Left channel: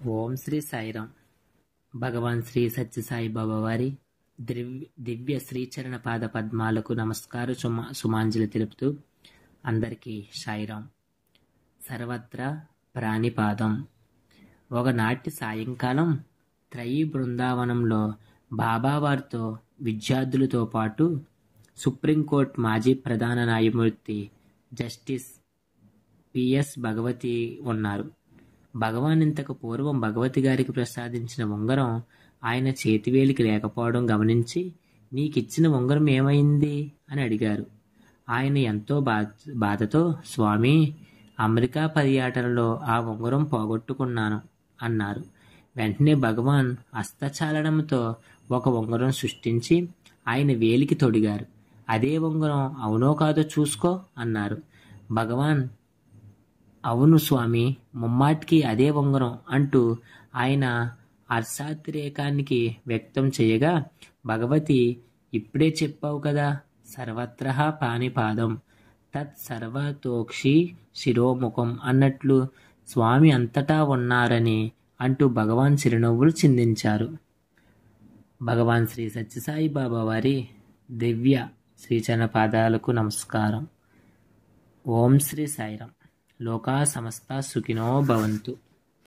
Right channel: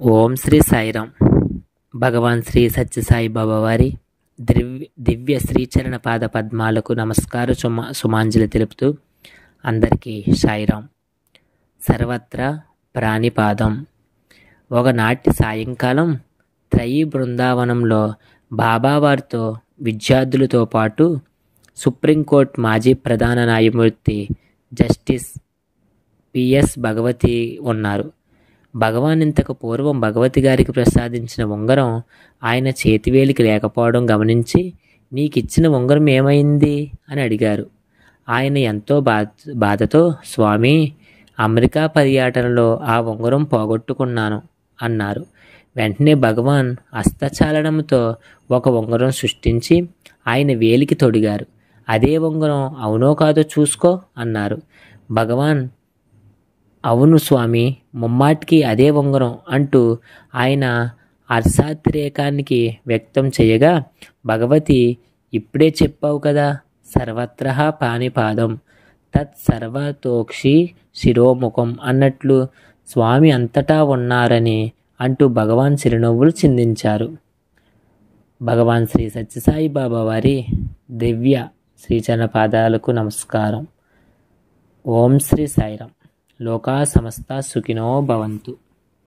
ఓం శ్రీ సాయిరామ్. భగవాన్ శ్రీ సత్యసాయి బాబా వారి దివ్య శ్రీచరణ పాద పద్మాలకు నమస్కార సుమాంజలి తెలుపుతూ అందరికీ సాయిరామ్. సర్వత్రా ప్రాణిపాదం. ఒకనాటి సాయంకాలం త్రయీ బృందావనంలో బాబావారితో విద్యార్థులతో పాటు సుప్రీంకోర్టు మాజీ ప్రధాన న్యాయమూర్తి జస్టిస్ పిఎస్ భగవతి ఉన్నారు. భగవాన్ ఇంతకు పూర్వం భగవతి గారికి ప్రసాదించిన ఉంగరం ఆయన చేతివేలికి లేకపోవడం గమనించి, నీకిచ్చిన ఉంగరం ఏమైంది అని అడిగారు. ఆయన ఎంతో బాధతో, స్వామి, అమెరికా పర్యటనలో ఆ ఉంగరం పోగొట్టుకున్నాను అన్నారు. వెంటనే భగవాన్ హస్తచాలనంతో ఒక ఉంగరం సృష్టించి ఆయన వేలికి తొడిగారు. అదే ఉంగరం అవునో కాదో చూసుకో అన్నారు. భగవాన్, అవును స్వామి, ముమ్మాటికి అదే ఉంగరం అంటూ ఆయన హర్షాతిరేకానికి వ్యక్తం చేయగా, భగవతి, ఇప్పుడే చెప్పావు కదా, సర్వత్ర పాణిపాదం తత్ సర్వతోక్షి శిరోముఖం అన్నట్లు స్వామి అంతటా ఉన్నారని అంటూ భగవాన్ చిరునవ్వులు చిందించారు. భగవాన్ శ్రీ సత్యసాయి బాబా వారి దివ్య శ్రీచరణ పాదాలకు నమస్కారం. ఓం శ్రీ సాయిరామ్. లోకా సమస్త సుఖినో భవంతు.